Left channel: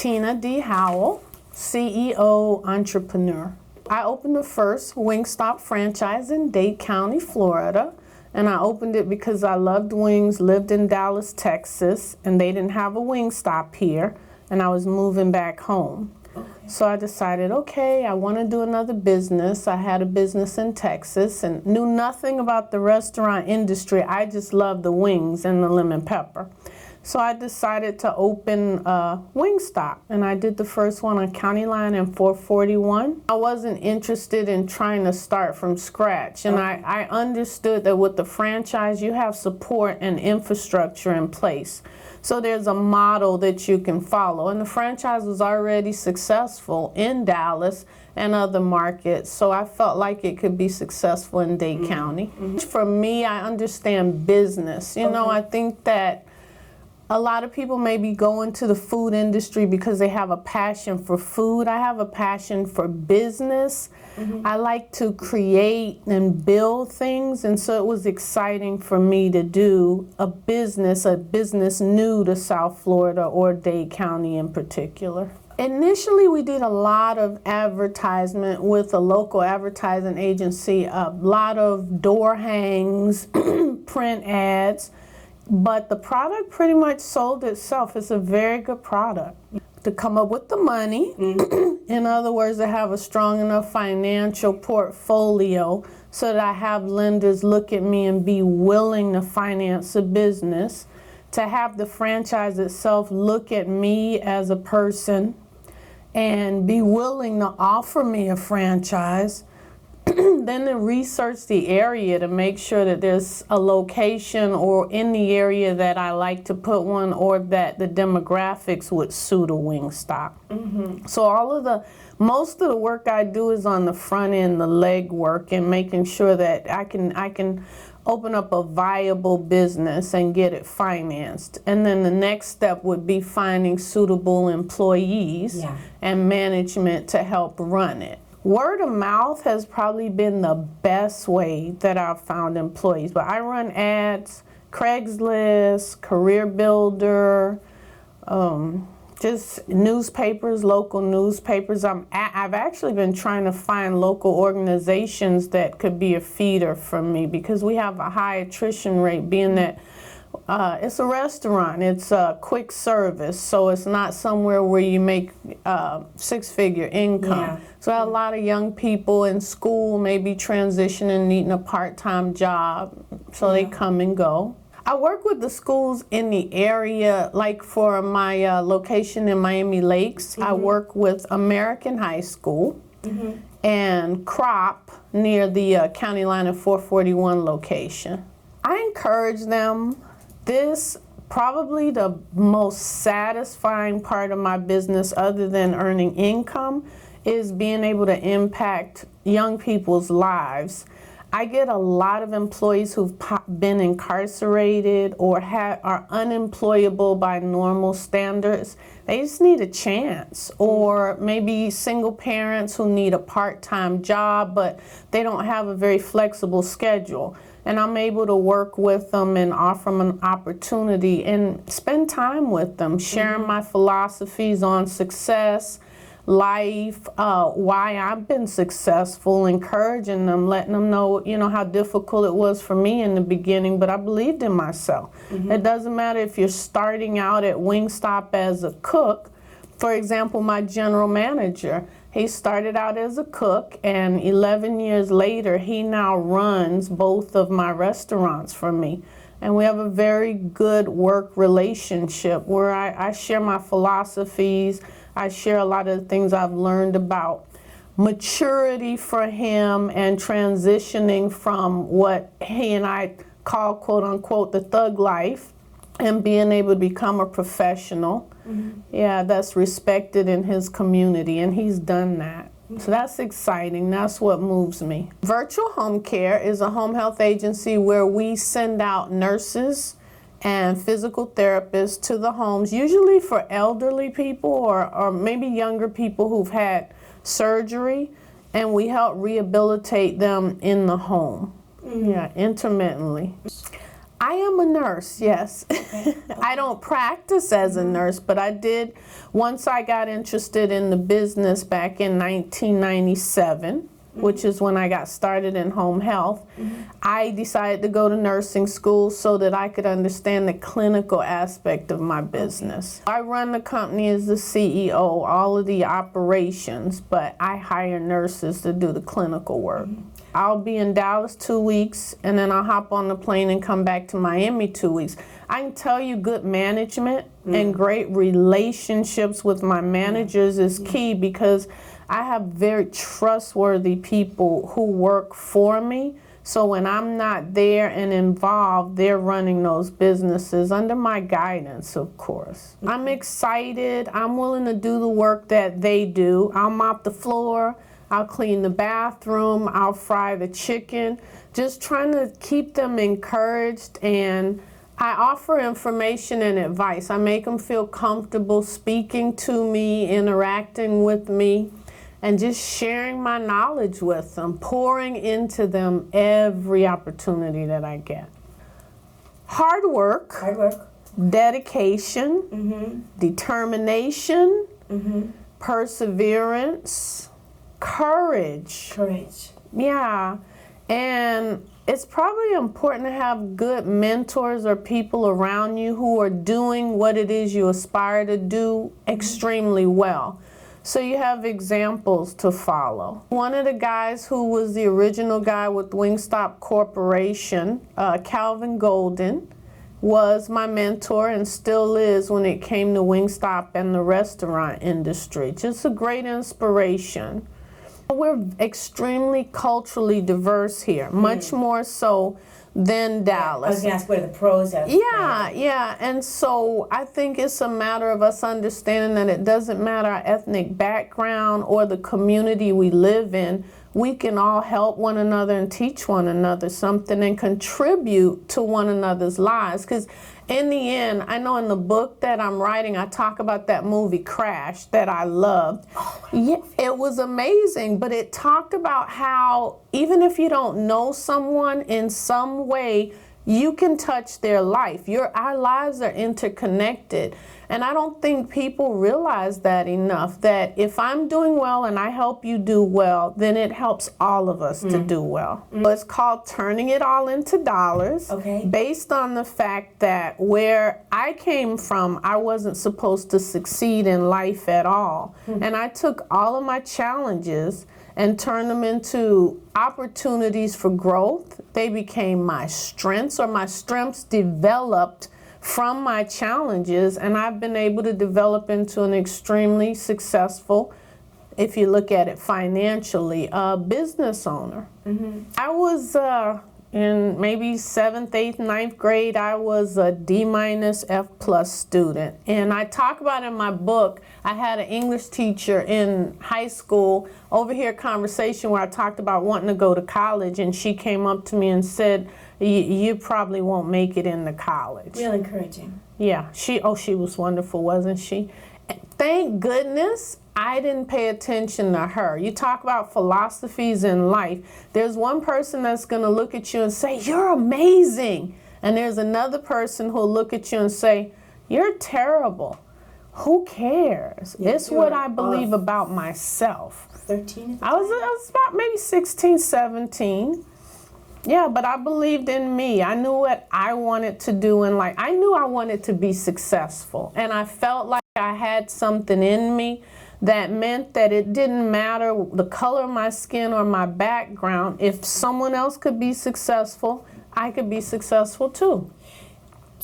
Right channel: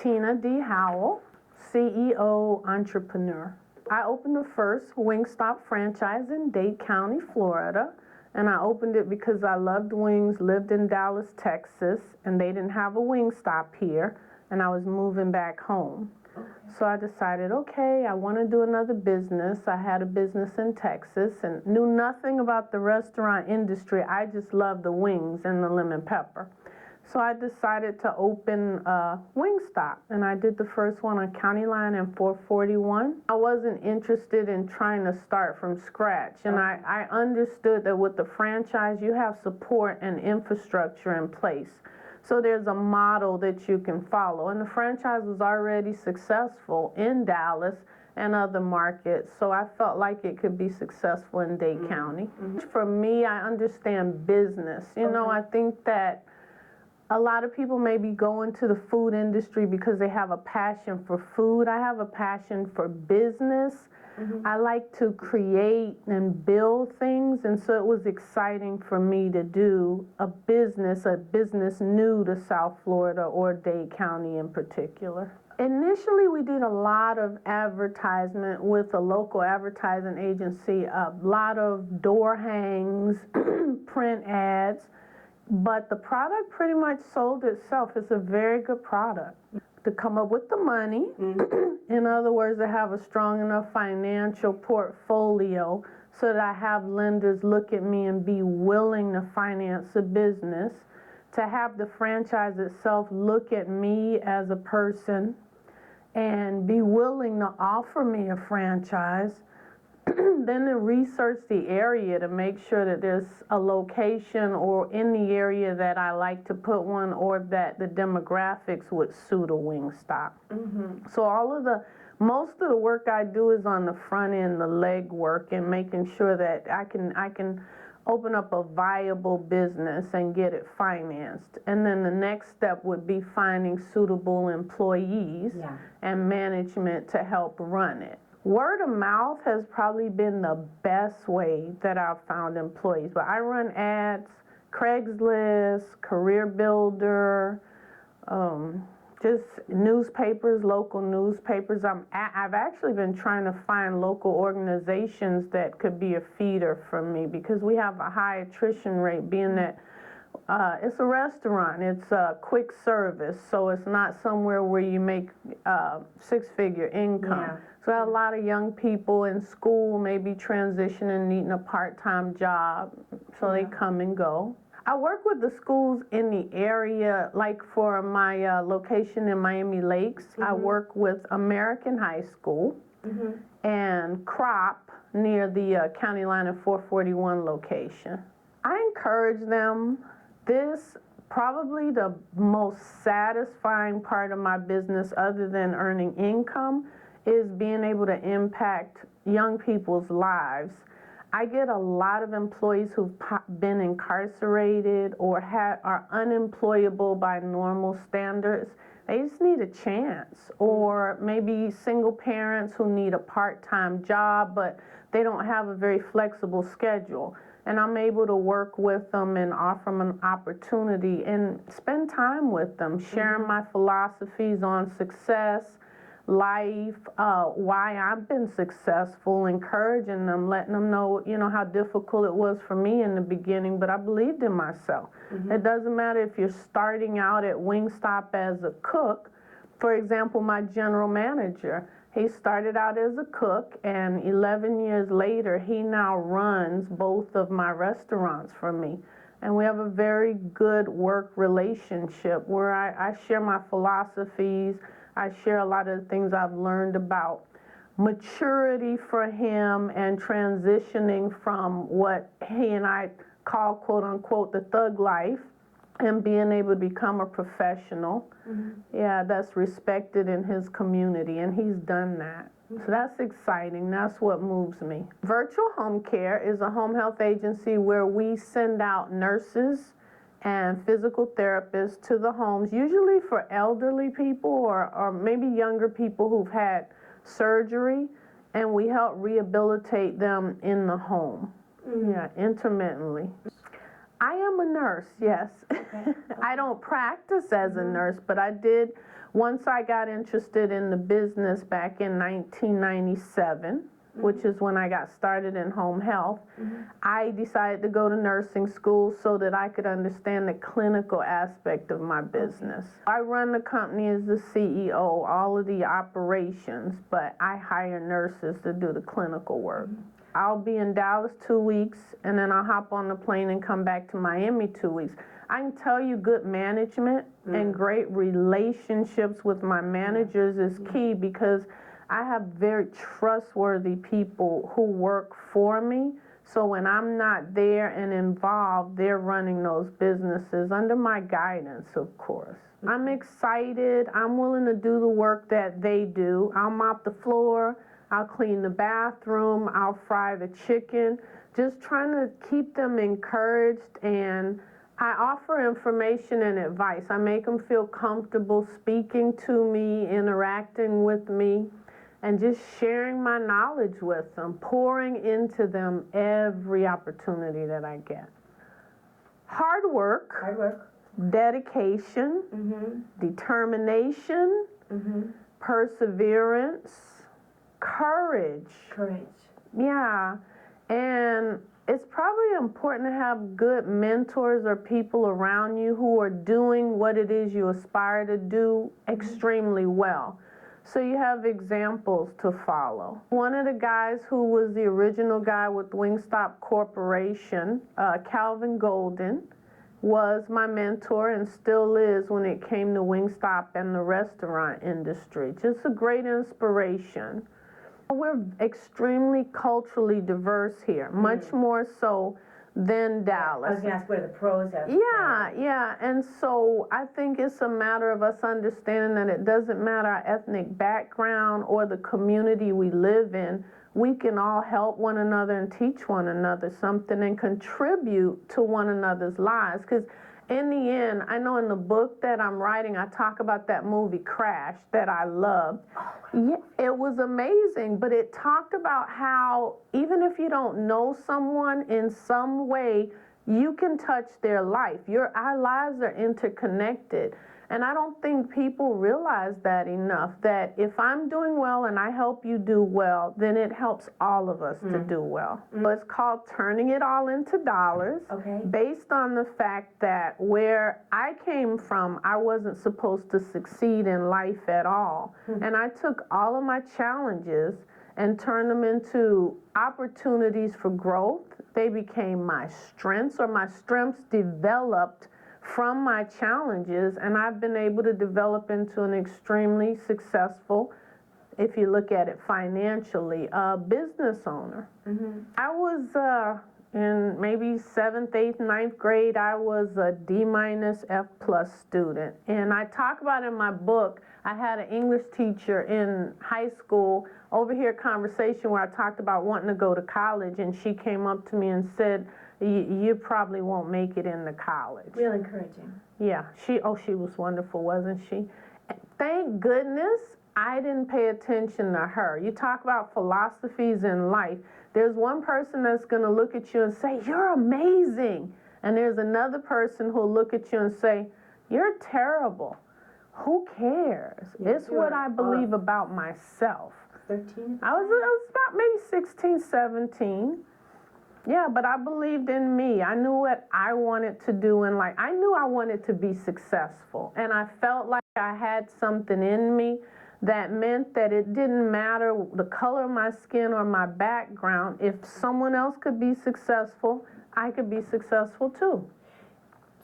Tina D. Howell, CEO, entrepreneur. I opened the first Wingstop franchise in Dade County, Florida, and I opened it because I loved wings, lived in Dallas, Texas, and they didn't have a Wingstop here, and I was moving back home. So I decided, okay, I want to do another business. I had a business in Texas and knew nothing about the restaurant industry. I just loved the wings and the lemon pepper. So I decided to open Wingstop, and I did the first one on County Line and 441. I wasn't interested in trying to start from scratch, and I understood that with the franchise, you have support and infrastructure in place. So there's a model that you can follow, and the franchise was already successful in Dallas and other markets, so I felt like it could be successful in Dade County. For me, I understand business. You know, I think that a lot of people maybe go into the food industry because they have a passion for food. I have a passion for business. I like to create and build things, and so it was exciting for me to do a business new to South Florida or Dade County in particular. Initially, we did a lot of advertisement with a local advertising agency, a lot of door hangs, print ads. But the product pretty much sold itself. It's a very good product. To come up with the money, in other words, to have a strong enough financial portfolio so that I have lenders look at me and be willing to finance a business, to have the franchise itself look at me as a person and be willing to offer me a franchise. Then to research the area to make sure that there's a location or in the area that I like to put one, or that the demographics would suit a Wingstop. So most of the work I do is on the front end, the leg work, and making sure that I can open up a viable business and get it financed. And then the next step would be finding suitable employees and management to help run it. Word of mouth has probably been the best way that I've found employees, but I run ads, Craigslist, Career Builder, just newspapers, local newspapers. I've actually been trying to find local organizations that could be a feeder for me, because we have a high attrition rate, being that it's a restaurant, it's a quick service, so it's not somewhere where you make six-figure income. So I have a lot of young people in school, maybe transitioning, needing a part-time job, so they come and go. I work with the schools in the area, like for my location in Miami Lakes. I work with American High School and Crop near the County Line and 441 location. I encourage them. This probably the most satisfying part of my business, other than earning income, is being able to impact young people's lives. I get a lot of employees who've been incarcerated or are unemployable by normal standards. They just need a chance. Or maybe single parents who need a part-time job, but they don't have a very flexible schedule. And I'm able to work with them and offer them an opportunity and spend time with them, sharing my philosophies on success, life, why I've been successful, encouraging them, letting them know, how difficult it was for me in the beginning, but I believed in myself. It doesn't matter if you're starting out at Wingstop as a cook. For example, my general manager, he started out as a cook, and 11 years later, he now runs both of my restaurants for me. And we have a very good work relationship where I share my philosophies. I share a lot of the things I've learned about maturity for him and transitioning from what he and I call, quote unquote, the thug life, and being able to become a professional, that's respected in his community, and he's done that. So that's exciting. That's what moves me. Virtual Home Care is a home health agency where we send out nurses and physical therapists to the homes, usually for elderly people or maybe younger people who've had surgery, and we help rehabilitate them in the home, intermittently. I am a nurse, yes. Okay. I don't practice as a nurse, but I did, once I got interested in the business back in 1997, which is when I got started in home health, I decided to go to nursing school so that I could understand the clinical aspect of my business. I run the company as the CEO, all of the operations, but I hire nurses to do the clinical work. I'll be in Dallas 2 weeks, and then I'll hop on the plane and come back to Miami 2 weeks. I can tell you good management and great relationships with my managers is key, because I have very trustworthy people who work for me. So when I'm not there and involved, they're running those businesses under my guidance, of course. I'm excited. I'm willing to do the work that they do. I'll mop the floor. I'll clean the bathroom. I'll fry the chicken. Just trying to keep them encouraged, and I offer information and advice. I make them feel comfortable speaking to me, interacting with me, and just sharing my knowledge with them, pouring into them every opportunity that I get. Hard work, dedication, determination, perseverance, courage. Yeah, and it's probably important to have good mentors or people around you who are doing what it is you aspire to do extremely well. So you have examples to follow. One of the guys who was the original guy with Wingstop Corporation, Calvin Golden, was my mentor and still is when it came to Wingstop and the restaurant industry. Just a great inspiration. We're extremely culturally diverse here, much more so than Dallas. I was going to ask where the pros are. Yeah, and so I think it's a matter of us understanding that it doesn't matter our ethnic background or the community we live in. We can all help one another and teach one another something and contribute to one another's lives. Because in the end, I know in the book that I'm writing, I talk about that movie Crash that I loved. Yeah, it was amazing, but it talked about how even if you don't know someone in some way, you can touch their life. Our lives are interconnected. And I don't think people realize that enough, that if I'm doing well and I help you do well, then it helps all of us to do well. So it's called Turning It All Into Dollars, based on the fact that where I came from, I wasn't supposed to succeed in life at all. And I took all of my challenges and turned them into opportunities for growth. They became my strengths, or my strengths developed from my challenges, and I've been able to develop into an extremely successful, if you look at it financially, business owner. I was in maybe 7th, 8th, 9th grade, I was a D- F+ student. And I talk about in my book, I had an English teacher in high school, overhear conversation where I talked about wanting to go to college, and she came up to me and said, you probably won't make it into college. Real encouraging. Yeah, she was wonderful, wasn't she? Thank goodness I didn't pay attention to her. You talk about philosophies in life. There's one person that's going to look at you and say, you're amazing. And there's another person who'll look at you and say, you're terrible. Who cares? Yeah, it's what I believe about myself. 13? I was about maybe 16, 17. Yeah, but I believed in me. I knew what I wanted to do in life. I knew I wanted to be successful. And I felt like I had something in me that meant that it didn't matter the color of my skin or my background. If someone else could be successful, I could be successful too.